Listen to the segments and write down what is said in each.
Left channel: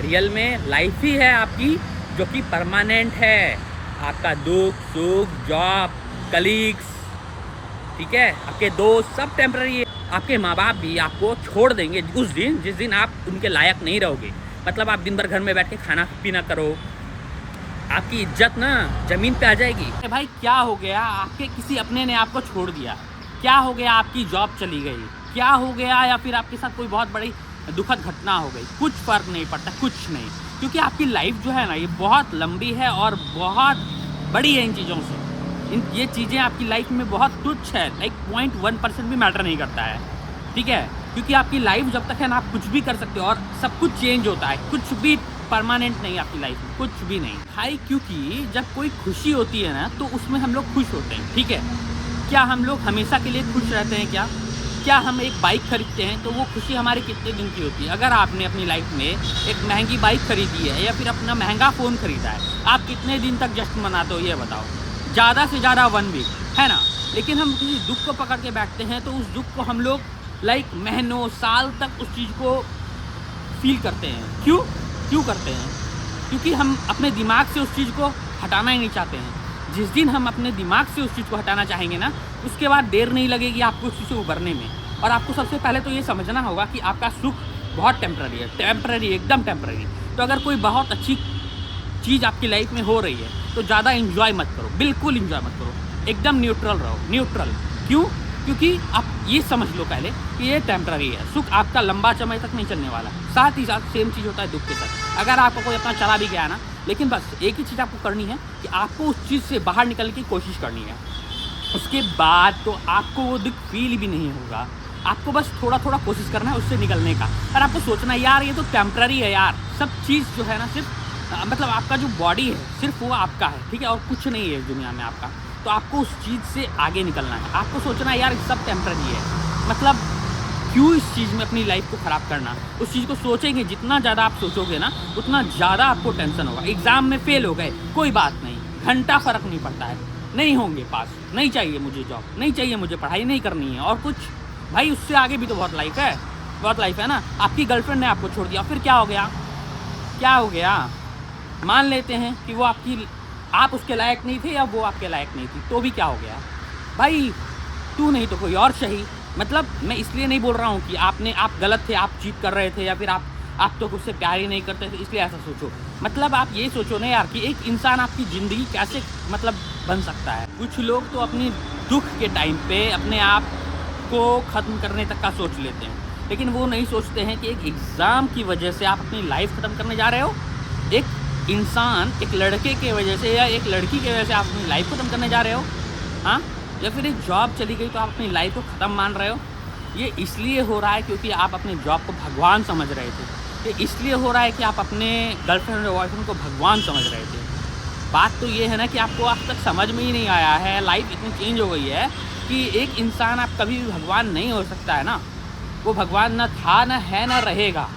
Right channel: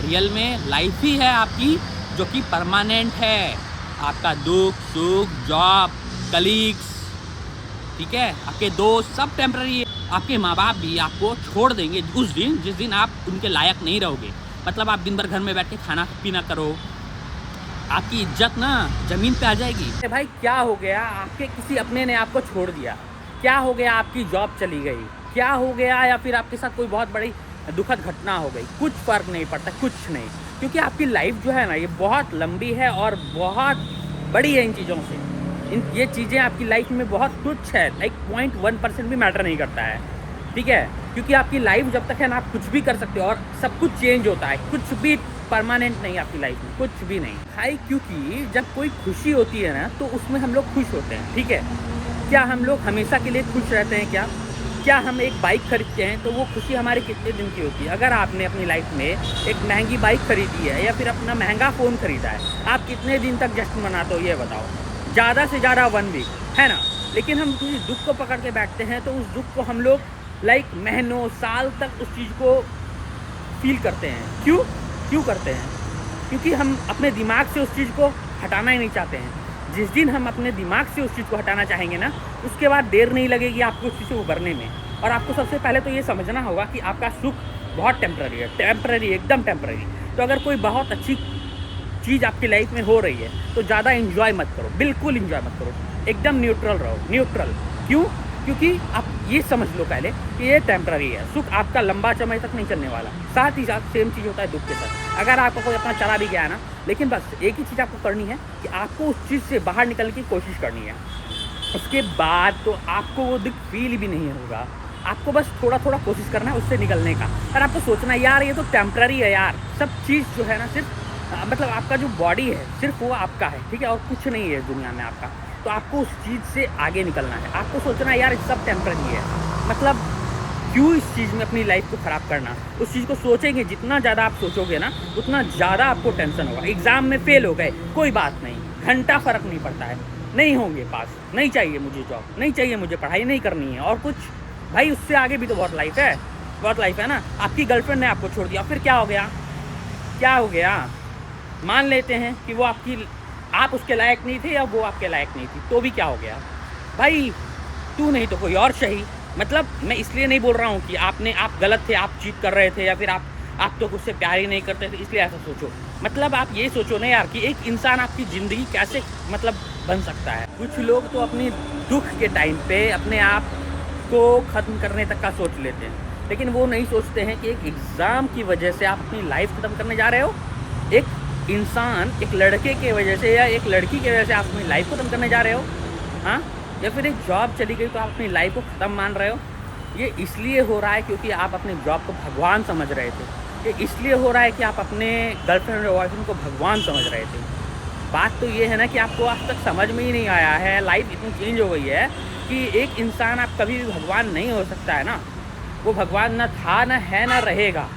Real में life ही है आपकी जो कि परमानेंट है। आपका दुख सुख, जॉब, कलीग्स, ठीक है, आपके दोस्त सब टेम्पररी है। आपके माँ बाप भी आपको छोड़ देंगे उस दिन जिस दिन आप उनके लायक नहीं रहोगे। मतलब आप दिन भर घर में बैठ के खाना पीना करो, आपकी इज्जत ना ज़मीन पे आ जाएगी। अरे भाई क्या हो गया, आपके किसी अपने ने आपको छोड़ दिया, क्या हो गया, आपकी जॉब चली गई, क्या हो गया, या फिर आपके साथ कोई बहुत बड़ी दुखद घटना हो गई, कुछ फ़र्क नहीं पड़ता, कुछ नहीं। क्योंकि आपकी लाइफ जो है ना ये बहुत लंबी है और बहुत बड़ी है इन चीज़ों से। ये चीज़ें आपकी लाइफ में बहुत तुच्छ है, लाइक 0.1% भी मैटर नहीं करता है, ठीक है। क्योंकि आपकी लाइफ जब तक है ना आप कुछ भी कर सकते हो और सब कुछ चेंज होता है, कुछ भी परमानेंट नहीं है आपकी लाइफ में, कुछ भी नहीं भाई। क्योंकि जब कोई खुशी होती है ना तो उसमें हम लोग खुश होते हैं, ठीक है। क्या हम लोग हमेशा के लिए खुश रहते हैं क्या हम एक बाइक खरीदते हैं तो वो खुशी हमारी कितने दिन की होती है? अगर आपने अपनी लाइफ में एक महंगी बाइक खरीदी है या फिर अपना महंगा फ़ोन खरीदा है, आप कितने दिन तक जश्न मनाते हो ये बताओ? ज़्यादा से ज़्यादा 1 वीक, है ना। लेकिन हम किसी दुख को पकड़ के बैठते हैं तो उस दुख को हम लोग लाइक महीनों साल तक उस चीज़ को फील करते हैं। क्यों करते हैं? क्योंकि हम अपने दिमाग से उस चीज़ को हटाना ही नहीं चाहते हैं। जिस दिन हम अपने दिमाग से उस चीज़ को हटाना चाहेंगे ना, उसके बाद देर नहीं लगेगी आपको उस चीज़ से उभरने में। और आपको सबसे पहले तो ये समझना होगा कि आपका सुख बहुत टेम्पररी है, टेम्पररी, एकदम टेम्पररी। तो अगर कोई बहुत अच्छी चीज़ आपकी लाइफ में हो रही है तो ज़्यादा इन्जॉय मत करो, बिल्कुल इन्जॉय मत करो, एकदम न्यूट्रल रहो, न्यूट्रल। क्यों? क्योंकि आप ये समझ लो पहले कि ये टेम्पररी है, सुख आपका लंबा समय तक नहीं चलने वाला। साथ ही साथ सेम चीज़ होता है दुख के साथ। अगर आपको कोई अपना चला भी गया है ना, लेकिन बस एक ही चीज़ आपको करनी है कि आपको उस चीज़ से बाहर निकलने की कोशिश करनी है। उसके बाद तो आपको वो दुख फील भी नहीं होगा, आपको बस थोड़ा थोड़ा कोशिश करना है उससे निकलने का। और आपको सोचना है यार ये तो टेम्पररी है यार, सब चीज़ जो है ना सिर्फ मतलब आपका जो बॉडी है सिर्फ वो आपका है, ठीक है, और कुछ नहीं है इस दुनिया में आपका। तो आपको उस चीज़ से आगे निकलना है, आपको सोचना है यार ये सब टेम्पररी है। मतलब क्यों इस चीज़ में अपनी लाइफ को ख़राब करना? उस चीज़ को सोचेंगे, जितना ज़्यादा आप सोचोगे ना उतना ज़्यादा आपको टेंशन होगा। एग्ज़ाम में फ़ेल हो गए, कोई बात नहीं, घंटा फ़र्क नहीं पड़ता है, नहीं होंगे पास, नहीं चाहिए मुझे जॉब, नहीं चाहिए मुझे पढ़ाई नहीं करनी है और कुछ। भाई उससे आगे भी तो बहुत लाइफ है, बहुत लाइफ है ना। आपकी गर्लफ्रेंड ने आपको छोड़ दिया, फिर क्या हो गया? क्या हो गया? मान लेते हैं कि वो आप उसके लायक नहीं थे या वो आपके लायक नहीं थी, तो भी क्या हो गया? भाई तू नहीं तो कोई और सही। मतलब मैं इसलिए नहीं बोल रहा हूँ कि आप गलत थे, आप चीट कर रहे थे या फिर आप तो उससे प्यार ही नहीं करते थे इसलिए ऐसा सोचो। मतलब आप ये सोचो ना यार कि एक इंसान आपकी ज़िंदगी कैसे मतलब बन सकता है। कुछ लोग तो अपनी दुख के टाइम पे अपने आप को ख़त्म करने तक का सोच लेते हैं, लेकिन वो नहीं सोचते हैं कि एक एग्ज़ाम की वजह से आप अपनी लाइफ ख़त्म करने जा रहे हो। एक इंसान एक लड़के की वजह से या एक लड़की की वजह से आप अपनी लाइफ ख़त्म करने जा रहे हो, हाँ? या फिर एक जॉब चली गई तो आप अपनी लाइफ को ख़त्म मान रहे हो। ये इसलिए हो रहा है क्योंकि आप अपने जॉब को भगवान समझ रहे थे। ये इसलिए हो रहा है कि आप अपने गर्लफ्रेंड और बॉयफ्रेंड को भगवान समझ रहे थे। बात तो ये है ना कि आपको आज तक समझ में ही नहीं आया है, लाइफ इतनी चेंज हो गई है कि एक इंसान आप कभी भी भगवान नहीं हो सकता है ना। वो भगवान ना था, ना है, ना रहेगा,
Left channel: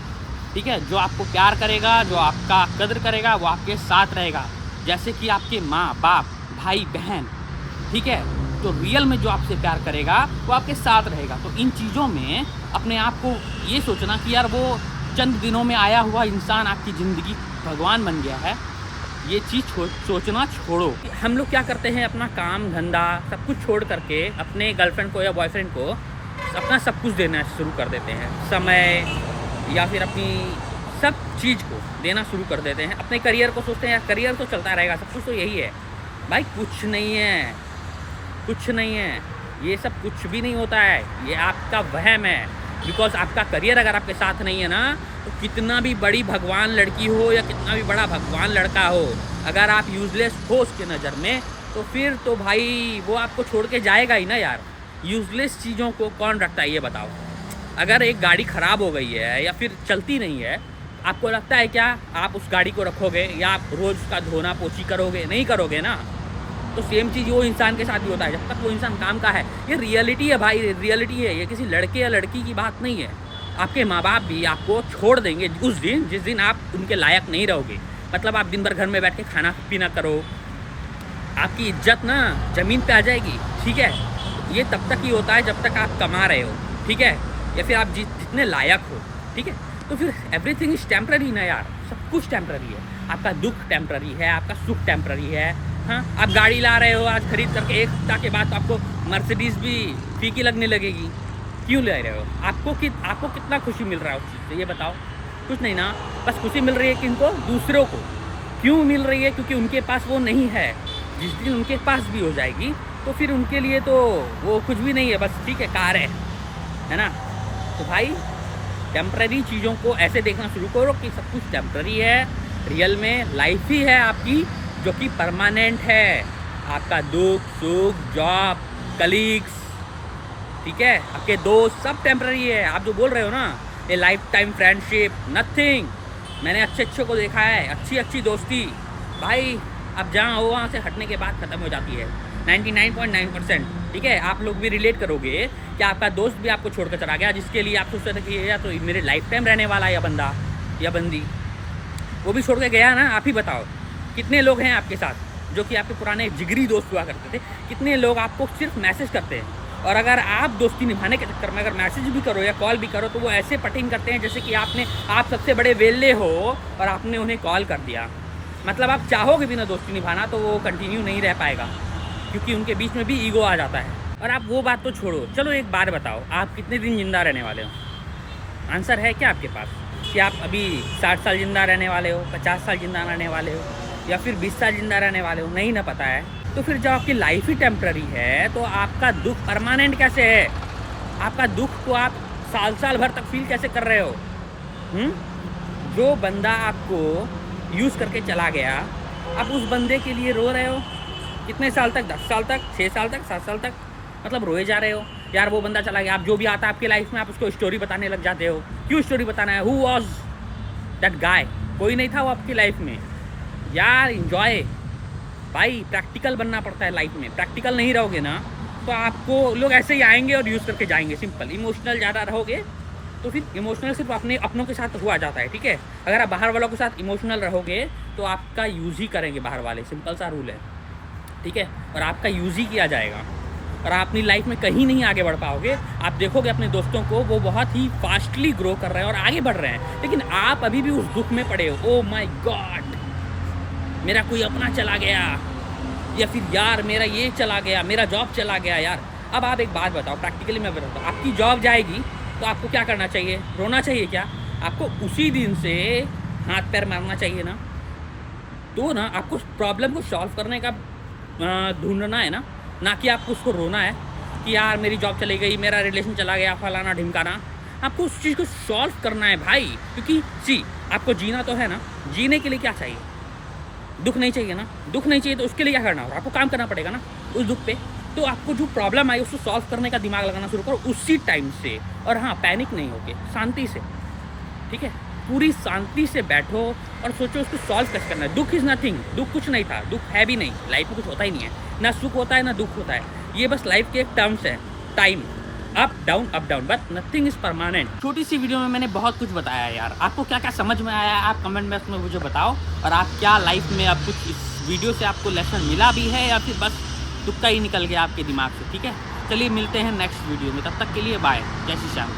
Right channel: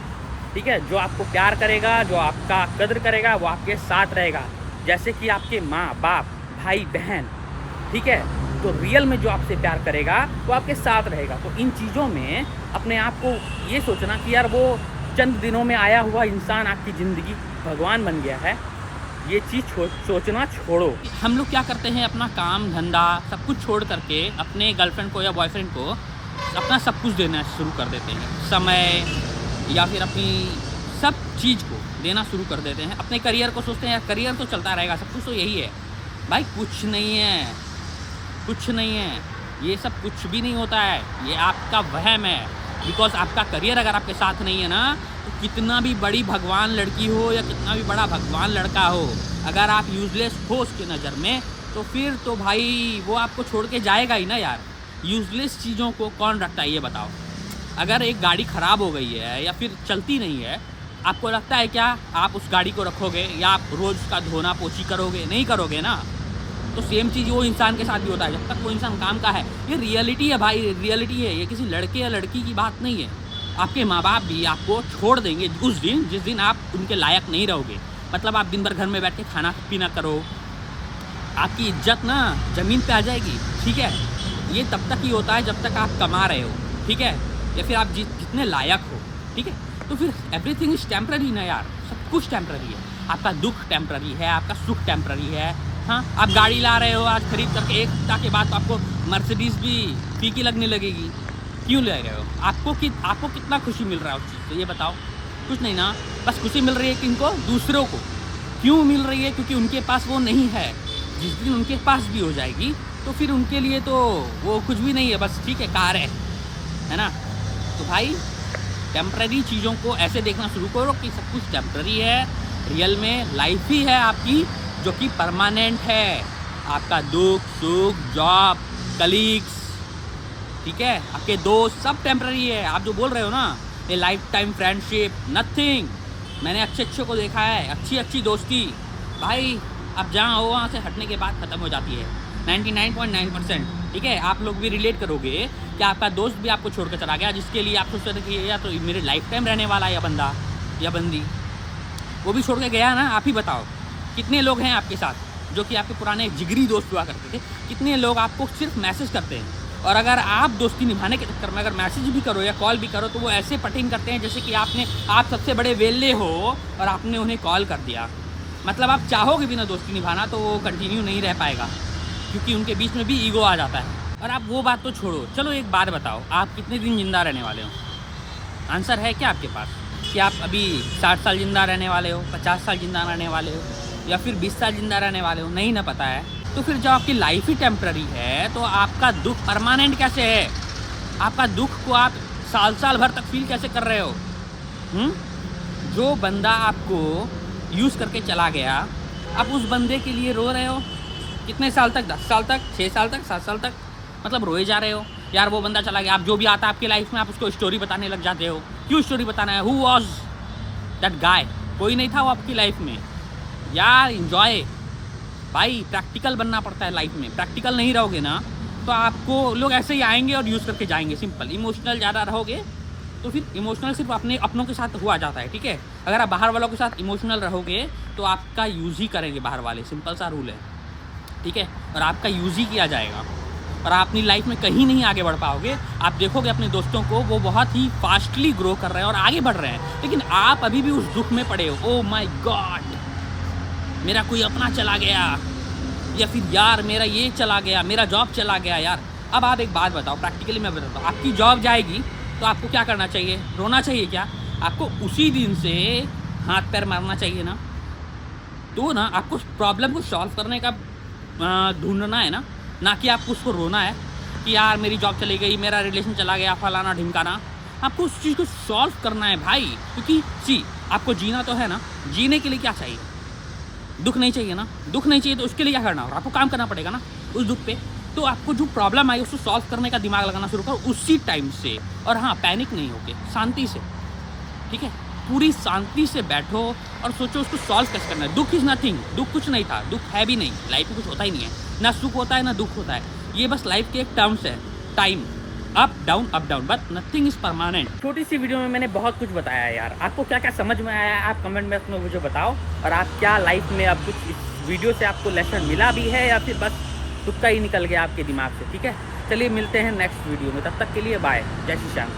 ठीक है। जो आपको प्यार करेगा, जो आपका कद्र करेगा, वो आपके साथ रहेगा, जैसे कि आपके माँ बाप, भाई बहन, ठीक है। तो रियल में जो आपसे प्यार करेगा वो आपके साथ रहेगा। तो इन चीज़ों में अपने आप को ये सोचना कि यार वो चंद दिनों में आया हुआ इंसान आपकी ज़िंदगी भगवान बन गया है, ये चीज़ सोचना छोड़ो। हम लोग क्या करते हैं, अपना काम धंधा सब कुछ छोड़ करके अपने गर्लफ्रेंड को या बॉयफ्रेंड को अपना सब कुछ देना शुरू कर देते हैं, समय या फिर अपनी सब चीज़ को देना शुरू कर देते हैं। अपने करियर को सोचते हैं यार करियर तो चलता रहेगा, सब कुछ तो यही है। भाई कुछ नहीं है, कुछ नहीं है, ये सब कुछ भी नहीं होता है, ये आपका वहम है। बिकॉज आपका करियर अगर आपके साथ नहीं है ना, तो कितना भी बड़ी भगवान लड़की हो या कितना भी बड़ा भगवान लड़का हो, अगर आप यूज़लेस हो उसके नज़र में तो फिर तो भाई वो आपको छोड़ के जाएगा ही ना यार। यूज़लेस चीज़ों को कौन रखता है ये बताओ? अगर एक गाड़ी ख़राब हो गई है या फिर चलती नहीं है, आपको लगता है क्या आप उस गाड़ी को रखोगे या आप रोज़ उसका धोना पोछी करोगे? नहीं करोगे ना। तो सेम चीज़ वो इंसान के साथ भी होता है, जब तक वो इंसान काम का है। ये रियलिटी है भाई, रियलिटी है, ये किसी लड़के या लड़की की बात नहीं है। आपके माँ बाप भी आपको छोड़ देंगे उस दिन जिस दिन आप उनके लायक नहीं रहोगे। मतलब आप दिन भर घर में बैठ के खाना पीना करो, आपकी इज्जत ना ज़मीन पे आ जाएगी, ठीक है। ये तब तक ही होता है जब तक आप कमा रहे हो, ठीक है, या फिर आप जितने लायक हो, ठीक है। तो फिर एवरीथिंग इज टेम्पररी ना यार, सब कुछ टेम्पररी है। आपका दुख टेम्पररी है, आपका सुख टेम्पररी है। हाँ, आप गाड़ी ला रहे हो आज खरीद करके, 1 हफ्ता के बाद तो आपको मर्सिडीज़ भी फीकी लगने लगेगी। क्यों ले रहे हो? आपको कितना खुशी मिल रहा है उस चीज़ से, ये बताओ? कुछ नहीं ना, बस खुशी मिल रही है किनको? दूसरों को। क्यों मिल रही है? क्योंकि उनके पास वो नहीं है। जिस दिन उनके पास भी हो जाएगी तो फिर उनके लिए तो वो कुछ भी नहीं है, बस ठीक है कार है ना। तो भाई टेम्पररी चीज़ों को ऐसे देखना शुरू करो कि सब कुछ टेम्पररी है। रियल में लाइफ ही है आपकी जो कि परमानेंट है। आपका दुख सुख, जॉब, कलीग्स, ठीक है, आपके दोस्त, सब टेम्पररी है। आप जो बोल रहे हो ना ये लाइफ टाइम फ्रेंडशिप, नथिंग। मैंने अच्छे को देखा है, अच्छी दोस्ती भाई अब जहाँ हो वहाँ से हटने के बाद ख़त्म हो जाती है 99.9%। ठीक है, आप लोग भी रिलेट करोगे कि आपका दोस्त भी आपको छोड़कर चला गया, जिसके लिए आप सोचते थे कि या तो मेरे लाइफ टाइम रहने वाला है या बंदा या बंदी, वो भी छोड़ के गया ना। आप ही बताओ कितने लोग हैं आपके साथ जो कि आपके पुराने जिगरी दोस्त हुआ करते थे? कितने लोग आपको सिर्फ मैसेज करते हैं, और अगर आप दोस्ती निभाने के चक्कर में अगर मैसेज भी करो या कॉल भी करो तो वो ऐसे पटिंग करते हैं जैसे कि आप सबसे बड़े वेल्ले हो और आपने उन्हें कॉल कर दिया। मतलब आप चाहोगे भी ना दोस्ती निभाना तो वो कंटिन्यू नहीं रह पाएगा, क्योंकि उनके बीच में भी ईगो आ जाता है। और आप वो बात तो छोड़ो, चलो एक बात बताओ, आप कितने दिन ज़िंदा रहने वाले हो? आंसर है क्या आपके पास कि आप अभी 60 साल ज़िंदा रहने वाले हो, 50 साल ज़िंदा रहने वाले हो, या फिर 20 साल ज़िंदा रहने वाले हो? नहीं ना पता है। तो फिर जब आपकी लाइफ ही टेम्पररी है तो आपका दुख परमानेंट कैसे है? आपका दुख को आप साल भर तक फील कैसे कर रहे हो? जो बंदा आपको यूज़ करके चला गया, आप उस बंदे के लिए रो रहे हो कितने साल तक? 10 साल तक, 6 साल तक, 7 साल तक, मतलब रोए जा रहे हो यार। वो बंदा चला गया, आप जो भी आता है आपकी लाइफ में आप उसको स्टोरी बताने लग जाते हो। क्यों स्टोरी बताना है? Who was that guy? कोई नहीं था वो आपकी लाइफ में यार। इंजॉय भाई, प्रैक्टिकल बनना पड़ता है लाइफ में। प्रैक्टिकल नहीं रहोगे ना तो आपको लोग ऐसे ही आएंगे और यूज़ करके जाएंगे। सिंपल। इमोशनल ज़्यादा रहोगे तो फिर इमोशनल सिर्फ अपनों के साथ हुआ जाता है, ठीक है। अगर आप बाहर वालों के साथ इमोशनल रहोगे तो आपका यूज़ ही करेंगे बाहर वाले, सिंपल सा रूल है, ठीक है। और आपका यूज़ ही किया जाएगा और आप अपनी लाइफ में कहीं नहीं आगे बढ़ पाओगे। आप देखोगे अपने दोस्तों को, वो बहुत ही फास्टली ग्रो कर रहे हैं और आगे बढ़ रहे हैं, लेकिन आप अभी भी उस दुख में पड़े हो। ओह माय गॉड, मेरा कोई अपना चला गया, या फिर यार मेरा ये चला गया, मेरा जॉब चला गया यार। अब आप एक बात बताओ, प्रैक्टिकली मैं बताता हूँ, आपकी जॉब जाएगी तो आपको क्या करना चाहिए? रोना चाहिए क्या? आपको उसी दिन से हाथ पैर मारना चाहिए ना। तो ना आपको प्रॉब्लम को सॉल्व करने का ढूंढना है ना कि आपको उसको रोना है कि यार मेरी जॉब चली गई, मेरा रिलेशन चला गया, फलाना ढिमकाना। आपको उस चीज़ को सॉल्व करना है भाई, क्योंकि आपको जीना तो है ना। जीने के लिए क्या चाहिए? दुख नहीं चाहिए ना। दुख नहीं चाहिए तो उसके लिए क्या करना होगा? आपको काम करना पड़ेगा ना उस दुख पे। तो आपको जो प्रॉब्लम आई उसको सॉल्व करने का दिमाग लगाना शुरू करो उसी टाइम से। और हाँ, पैनिक नहीं होके, शांति से, ठीक है, पूरी शांति से बैठो और सोचो उसको सॉल्व कैसे करना है। दुख इज़ नथिंग, दुख कुछ नहीं था, दुख है भी नहीं, लाइफ में कुछ होता ही नहीं है, ना सुख होता है ना दुख होता है। ये बस लाइफ के एक टर्म्स है, time, up down, but nothing is permanent. छोटी सी वीडियो में मैंने बहुत कुछ बताया यार। आपको क्या क्या समझ में आया आप कमेंट में उसमें मुझे बताओ। और आप क्या लाइफ में अब कुछ इस वीडियो से आपको लेसन मिला भी है या फिर बस तुक्का ही निकल गया आपके दिमाग से, ठीक है। चलिए मिलते हैं नेक्स्ट वीडियो में, तब तक के लिए बाय, जय श्री श्याम।